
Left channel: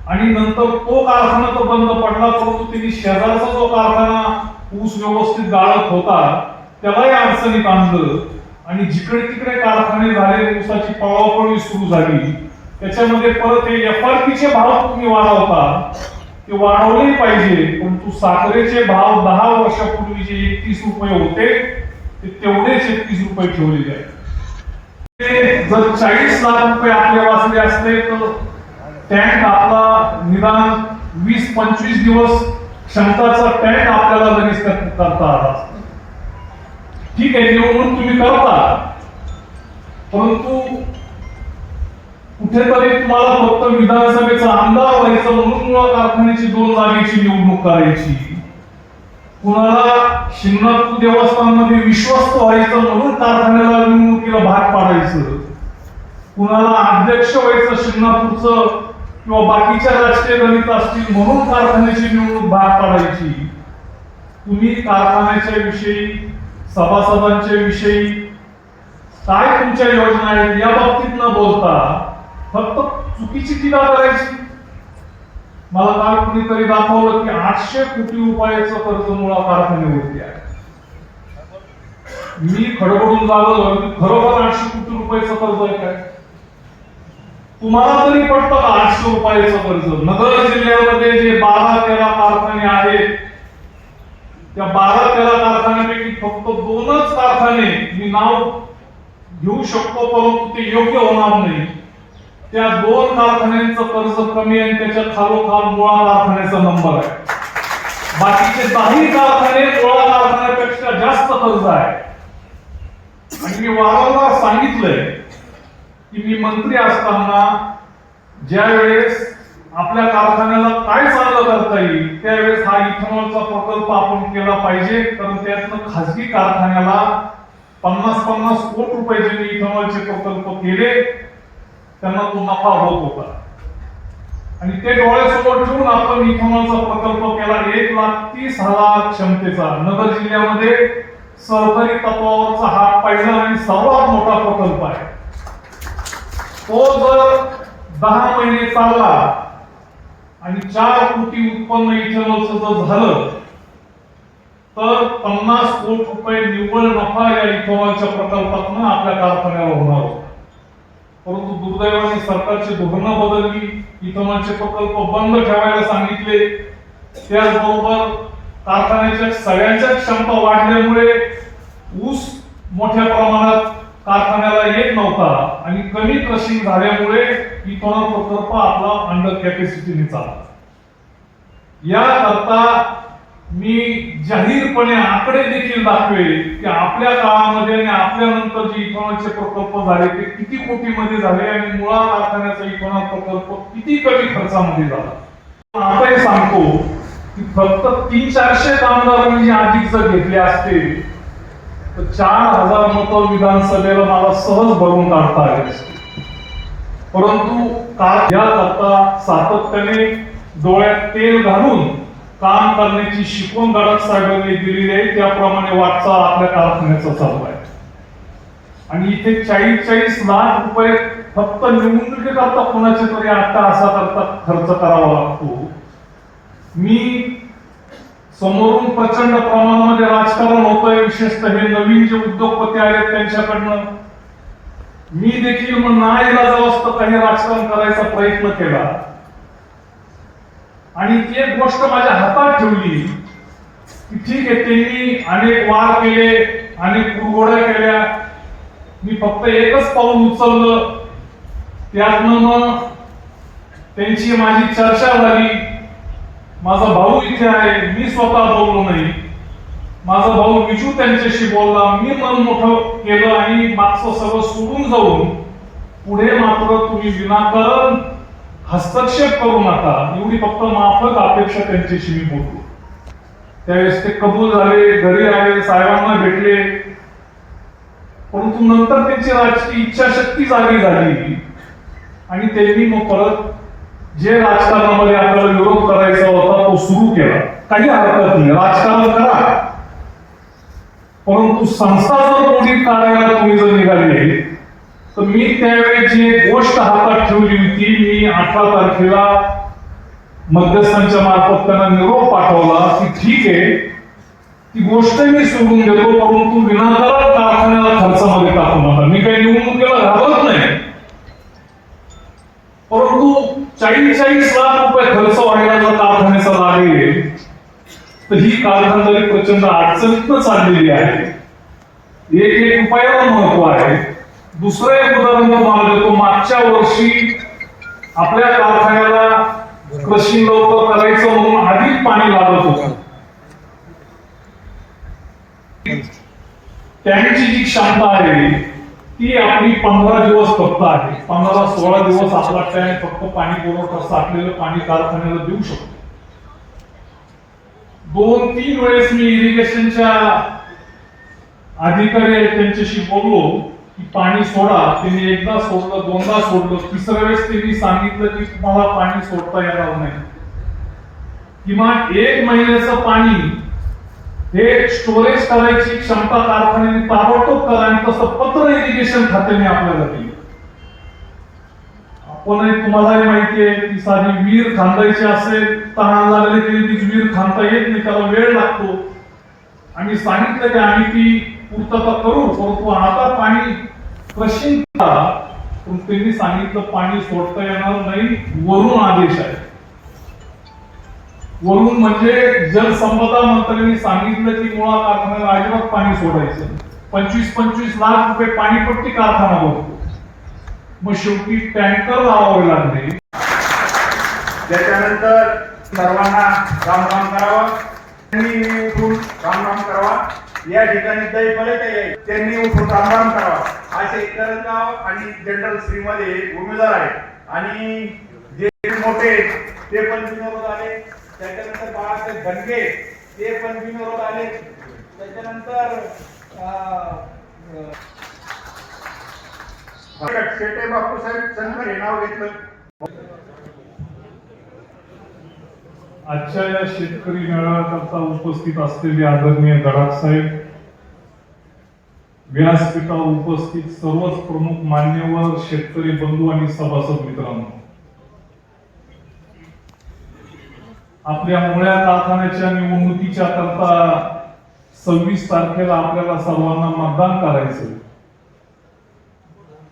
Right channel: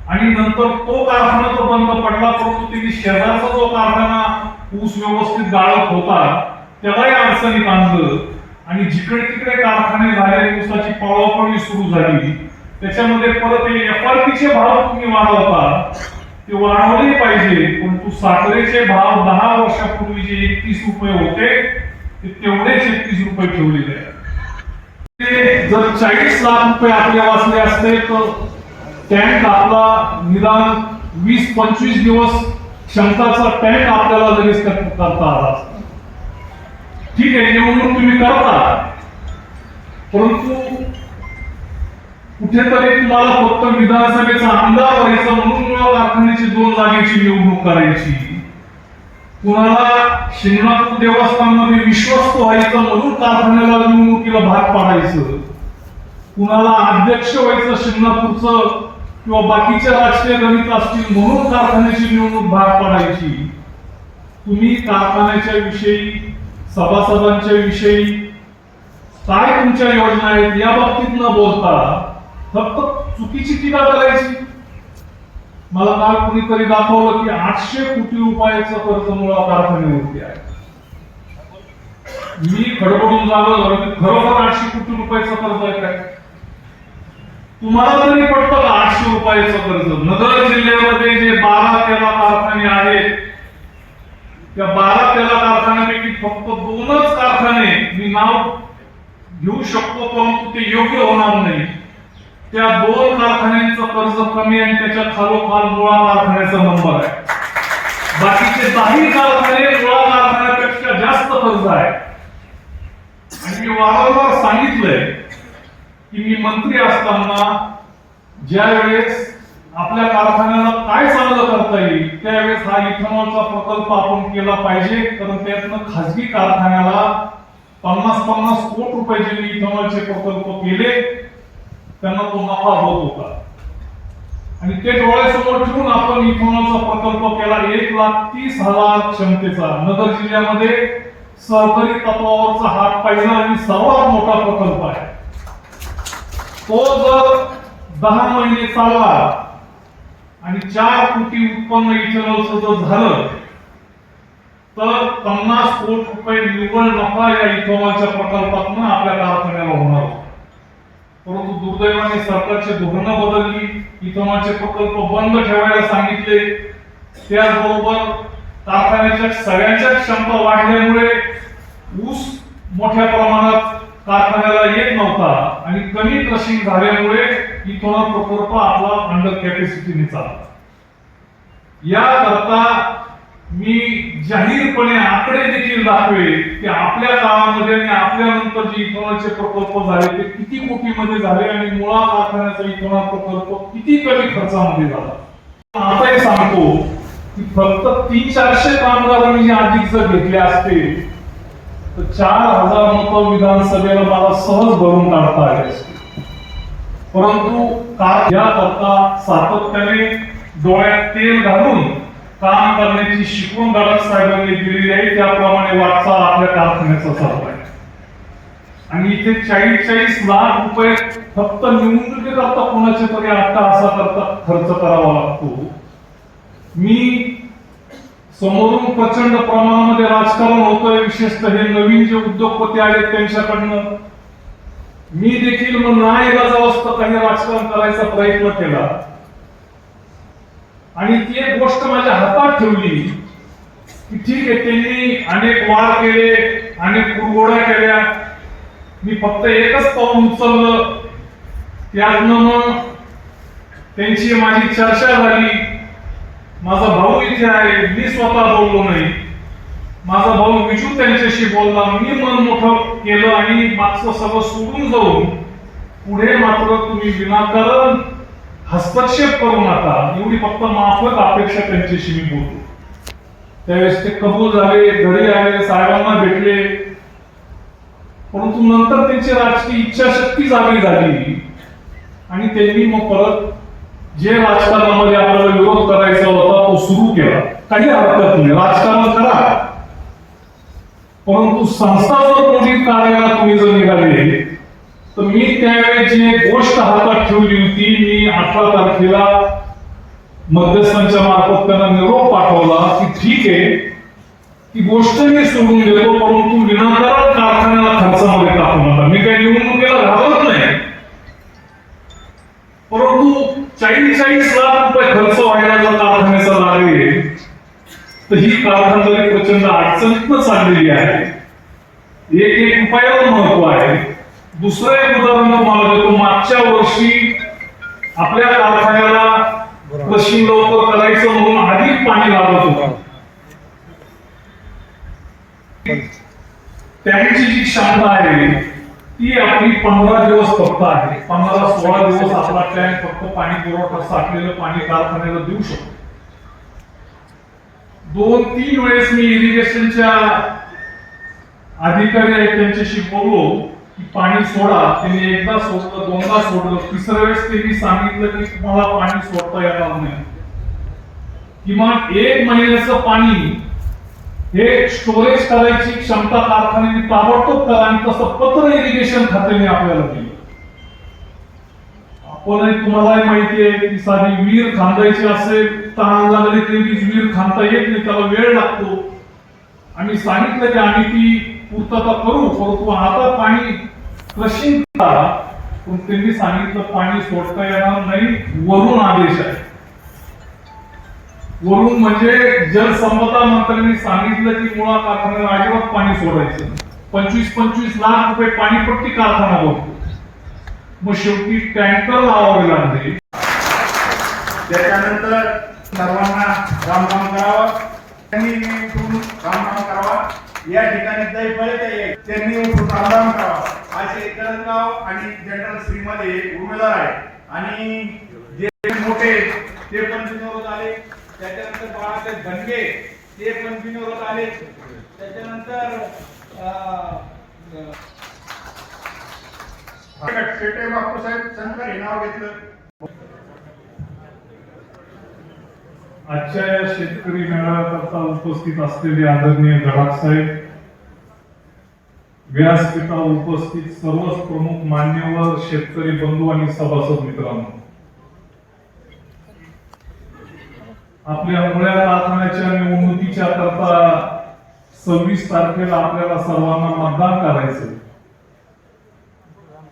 आणि नंतर तो कारखाना तर बंद पडला, परंतु त्यांनी शेजारचा जो कारखाना ऊस व्यवस्थित गाळत होता त्यालाही अडचणीत आणलं. आणि जिकडे तिकडे कारखाने झाले, ऊसाची पळवापळी सुरू झाली. त्याच्यामध्ये परत हे एफआरपीचे भाव तुम्ही वाढवता, ते वाढवले पाहिजे, परंतु साखरेचे भाव 10 वर्षापूर्वी जे 31 रुपये होते ते तेवढेच 31 रुपये ठेवलेले आहेत. जर 40 लाख रुपये आपले वाचले असते तर टँक आपला निदान 20-25 दिवस क्षमताचा टँक आपल्याला लगेच करता आला. ठीक आहे, निवडणूक तुम्ही करता, परंतु कुठेतरी तुम्हाला फक्त विधानसभेचा आमदार व्हायचं म्हणून कारखान्याची 2 जागेची निवडणूक करायची, कुणाला शिंगणापूर देवस्थानमध्ये विश्वस्त व्हायचं म्हणून कारखान्याला निवडणुकीला भाग पाडायचं, कुणाला अध्यक्ष व्हायचं शिंगणापूरचं किंवा बाकीच्या राजकीय गणित असतील म्हणून कारखान्याची निवडणूक भाग पाडायची. तुम्ही कारखान्याच्या विषयी, सभासदांच्या विषयी काय तुमच्या योजना आहेत या बाबतीत न बोलता फक्त चुकीची टीका करायची. मला काल कुणीतरी दाखवलं की 800 कोटी रुपयाचं कर्ज मुळा कारखान्यावरती आहे. मी खडबडून जावं, खरोखर 800 कोटी रुपयाचं कर्ज आहे काय? तुम्हाला तरी पडतं का 800 रुपयाचं कर्ज? नगर जिल्ह्यामध्ये जे 12-13 कारखाने आहेत, त्या 12-13 कारखान्यापैकी फक्त 2च कारखाने मी नाव घेऊ शकतो, परंतु ते योग्य होणार नाही. त्या 2 कारखान्यांचं कर्ज कमी आहे, त्याच्या खालोखाल मुळा कारखान्याचा नंबर आहे. बाकीचे 10 कारखाने मुळा कारखान्यापेक्षा जास्त कर्ज आहे. आणि मी वारंवार सांगितलंय की मी मंत्री असताना ज्या वेळेस आपल्या कारखान्याला काय चांगलं करता येईल त्यावेळेस हा इथेनॉलचा प्रकल्प आपण केला पाहिजे, कारण त्यातनं खासगी कारखान्याला 50-50 कोटी रुपये जे इथेनॉलचे प्रकल्प केले त्यांना तो नफा होत होता. आणि ते डोळ्यासमोर ठेवून आपण इथेनॉलचा प्रकल्प केला 1,30,000 क्षमतेचा. नगर जिल्ह्यामध्ये सरकारी तत्वावरचा हा पहिला आणि सर्वात मोठा प्रकल्प आहे. तो जर 10 महिने चालला आणि 4 कोटी उत्पन्न इथेनॉलचं जर झालं तर 50 कोटी रुपये निव्वळ नफा या इथेनॉलच्या प्रकल्पातून आपल्या कारखान्याला होणार होता. परंतु दुर्दैवाने सरकारची धोरणं बदलली, इथेनॉलचे प्रकल्प बंद ठेवायला सांगितले. त्याचबरोबर कारखान्याच्या सगळ्यांच्या क्षमता वाढल्यामुळे ऊस मोठ्या प्रमाणात कारखान्याला येत नव्हता आणि कमी क्रशिंग झाल्यामुळे इथेनॉल प्रकल्प आपला अंडर कॅपॅसिटीने चालला. याकरता मी जाहीरपणे आकडे देखील दाखवेल की आपल्या काळामध्ये आणि आपल्या नंतर जे इथेनॉलचे प्रकल्प झाले ते किती कोटीमध्ये झाले आणि मुळा कारखान्याचा इथेनॉल प्रकल्प किती कमी खर्चामध्ये झाला. आता हे सांगतो की फक्त 300-400 कामगारांनी अधिक जर घेतले असते तर 4,000 मतं विधानसभेला मला सहज भरून काढता आले असते. परंतु याकरता सातत्याने डोळ्यात तेल घालून काम करण्याची शिकवण गडाख साहेबांनी दिलेली आहे, त्याप्रमाणे वाटचाल आपल्या कारखान्याचा चालू आहे. आणि इथे 40-40 लाख रुपये फक्त निवडणुकीकरता कोणाचे तरी अट्टाहासा करता खर्च करावा लागतो. मी समोरून प्रचंड प्रमाणामध्ये राजकारण होतंय, विशेषतः हे नवीन जे उद्योगपती आहेत त्यांच्याकडनं. मी देखील मग नाईलाजावस्था काही राजकारण करायचा प्रयत्न केला आणि ती एक गोष्ट माझ्या हातात ठेवली की ठीक आहे, त्यांनी अनेक वार केले, अनेक कुरघोड्या केल्या, मी फक्त एकच पाऊल उचललं. त्यातनं मग त्यांची माझी चर्चा झाली. माझा भाऊ इथे आहे, मी स्वतः बोललो नाही, माझा भाऊ विजू त्यांच्याशी बोलला, मी मन मोठं केलं आणि मागचं सगळं सोडून जाऊन पुढे मात्र तुम्ही विनाकारण हस्तक्षेप करू नका एवढी फक्त माफक अपेक्षा त्यांच्याशी मी बोलतो. त्यावेळेस ते कबूल झाले, घरी आले, साहेबांना भेटले. परंतु नंतर त्यांची राजकीय इच्छाशक्ती जागी झाली आणि त्यांनी मग परत जे राजकारणामध्ये आपल्याला विरोध करायचा होता तो सुरू केला. काही हरकत नाही, राजकारण करा, परंतु संस्था जर मोडीत काढायला तुम्ही जर निघाले तर मी त्यावेळी जी गोष्ट हातात ठेवली होती, मी 18 तारखेला मध्यस्थांच्या मार्फत त्यांना निरोप पाठवला की ठीक आहे, ती गोष्ट मी सोडून देतो, परंतु विनाकारण कारखान्याला खर्चामध्ये टाकू नका. मी काही निवडणुकीला घाबरत नाही, परंतु 40-40 लाख रुपये खर्च व्हायला जर कारखान्याचा लागेल तर ही कारखानदारी प्रचंड अडचणीतनं चाललेली आहे. एक उपायाला महत्व आहे. दुसरं एक उदाहरण तुम्हाला देतो. मागच्या वर्षी आपल्या कारखान्याला क्रशिंग लवकर करायचं म्हणून अधिक पाणी लागत होतं. त्यांची जी क्षमता आहे ती आपली 15 दिवस फक्त आहे. 15-16 दिवस आपला टँक फक्त पाणी पुरवठा साठलेलं पाणी कारखान्याला देऊ शकतो. 2-3 वेळेस मी इरिगेशनच्या अधिकारी आहेत त्यांच्याशी बोललो की पाणी सोडा. त्यांनी एकदा सोडलं, दोनदा सोडलं, तिसऱ्या वेळेस त्यांनी सांगितलं की तुम्हाला पाणी सोडता येणार नाही. किमान 1 महिन्याचं पाणी हे स्टोरेज करायची क्षमता कारखान्याने ताबडतोब करा, आणि तसं पत्र इरिगेशन खात्याने आपल्याला दिलं. आपणही तुम्हालाही माहिती आहे की साधी विहीर खांदायची असेल, तहान लागली तरी ती विहीर खांदता येत नाही, त्याला वेळ लागतो. आम्ही सांगितलं की आम्ही ती पूर्तता करू, परंतु आता पाणी क्रशिंग करा. पण त्यांनी सांगितलं पाणी सोडता येणार नाही, वरून आदेश आहे. वरून म्हणजे जलसंपदा मंत्र्यांनी सांगितलं की मुळा कारखान्याला अजिबात पाणी सोडायचं. 25-25 लाख रुपये पाणीपट्टी कारखाना भरतो. मग शेवटी टँकर लावावे लागले. त्याच्यानंतर सर्वांना रामराम करावा, त्यांनी उठून रामराम करावा. या ठिकाणी दैफलित आहे त्यांनी उठून रामराम करावा. असे करंजगाव आणि जनरल श्रीमध्ये उमेदवार आहेत, आणि जे मोठे ते पण बिनविरोध आले. त्याच्यानंतर बाळासाहेब धनगे ते पण बिनविरोध आले. त्याच्यानंतर शेटे बापूसाहेब शंकर हे नाव घेतलं. आजच्या या शेतकरी मेळाव्याकरता उपस्थित असलेले आदरणीय गडाख साहेब, व्यासपीठावर उपस्थित सर्वच प्रमुख मान्यवर शेतकरी बंधू आणि सभासद मित्रांनो, आपल्या मुळ्या कारखान्याच्या निवडणुकीच्या करता 26 तारखेला आपल्याला सर्वांना मतदान करायचं,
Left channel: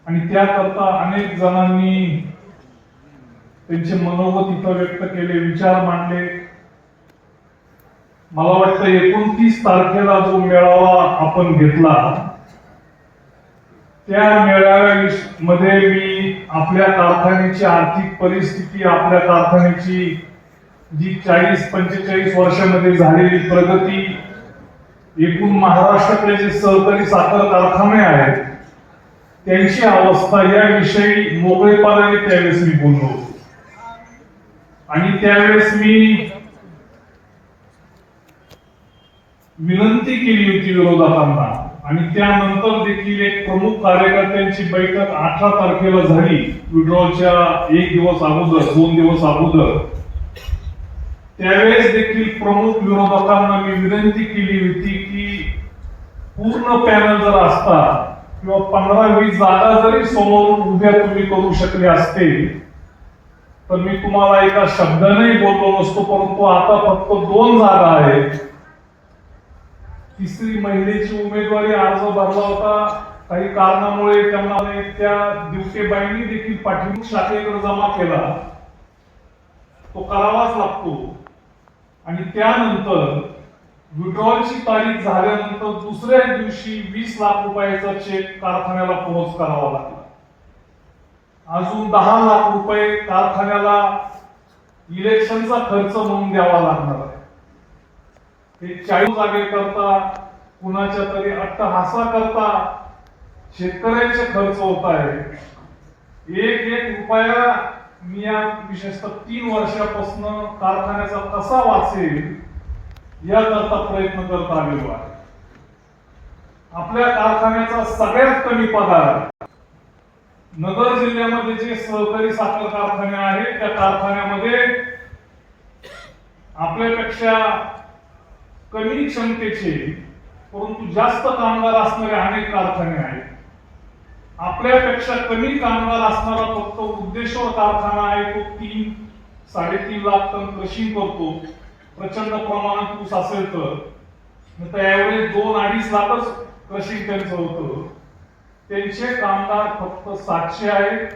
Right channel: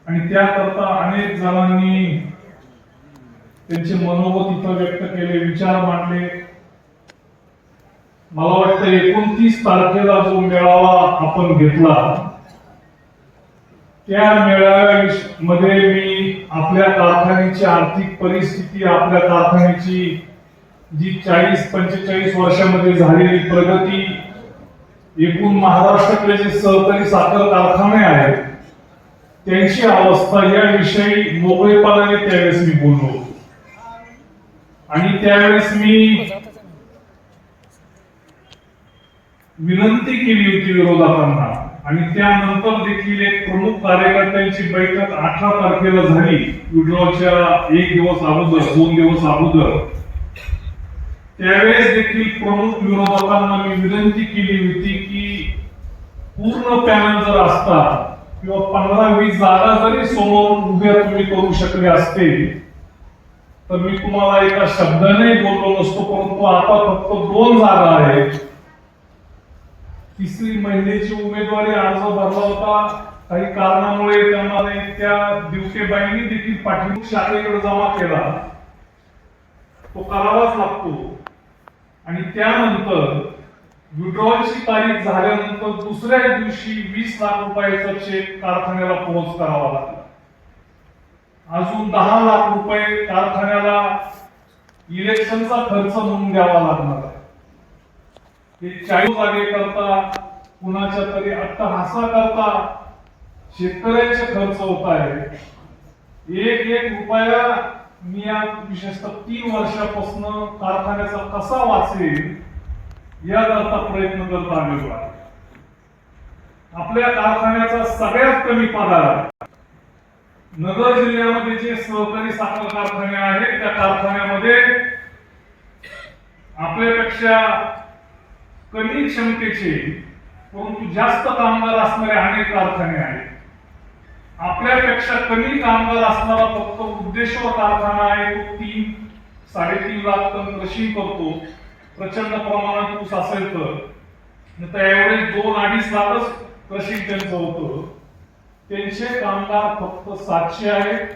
आणि त्याकरता अनेक जणांनी त्यांचे मनोगत इथं व्यक्त केले, विचार मांडले. मला वाटतं 29 तारखेला जो मेळावा आपण घेतला, त्या मेळाव्यामध्ये मी आपल्या कारखान्याची आर्थिक परिस्थिती, आपल्या कारखान्याची जी 40-45 वर्षामध्ये झालेली प्रगती, एकूण महाराष्ट्रातले जे सहकारी साखर कारखाने आहेत त्यांची अवस्था याविषयी मोकळेपणाने त्यावेळेस मी बोललो. आणि त्यावेळेस मी विनंती केली होती विरोधकांना, आणि त्यानंतर देखील एक प्रमुख कार्यकर्त्यांची बैठक 18 तारखेला झाली, विड्रॉलच्या 1 दिवस अगोदर, 2 दिवस अगोदर. त्यावेळेस देखील प्रमुख विरोधकांना मी विनंती केली होती की पूर्ण पॅनल जर असता किंवा 15-20 जागा जरी समोर उभ्या तुम्ही करू शकले असते तर मी तुम्हाला एका शब्दाने बोललो नसतो. परंतु आता फक्त 2 जागा आहेत. तिसरी महिलेची उमेदवारी अर्ज भरला होता, काही कारणामुळे त्यांना त्या दिवसेबाईंनी देखील पाठीमुख शाखेकडे जमा केला, तो करावाच लागतो. आणि त्यानंतर विड्रॉलची तारीख झाल्यानंतर दुसऱ्या दिवशी 20 लाख रुपयाचा चेक कारखान्याला पोहोच करावा लागला. अजून 10 लाख रुपये कारखान्याला इलेक्शनचा खर्च म्हणून द्यावा लागणार आहे. हे 40 जागे करता, कुणाच्या तरी अट्टहासा करता शेतकऱ्यांचे खर्च होत आहे. एक रुपया मी या विशेषतः 3 वर्षापासून कारखान्याचा कसा वाचेल याकरता प्रयत्न करत आलेलो आहे. आपल्या कारखान्याचा सगळ्यात कमी पगार आहे. नगर जिल्ह्यामध्ये जे सहकारी साखर कारखाने आहेत त्या कारखान्यामध्ये आपल्यापेक्षा कमी क्षमतेचे परंतु जास्त कामगार असणारे अनेक कारखाने आहेत. आपल्यापेक्षा कमी कामगार असणारा फक्त वृद्धेश्वर कारखाना आहे, तो 3-3.5 लाख टन क्रशिंग करतो. प्रचंड प्रमाणात ऊस असेल तर त्यावेळेस 2-2.5 लाखच क्रशिंग त्यांचं होतं. त्यांचे कामगार फक्त 700 आहेत.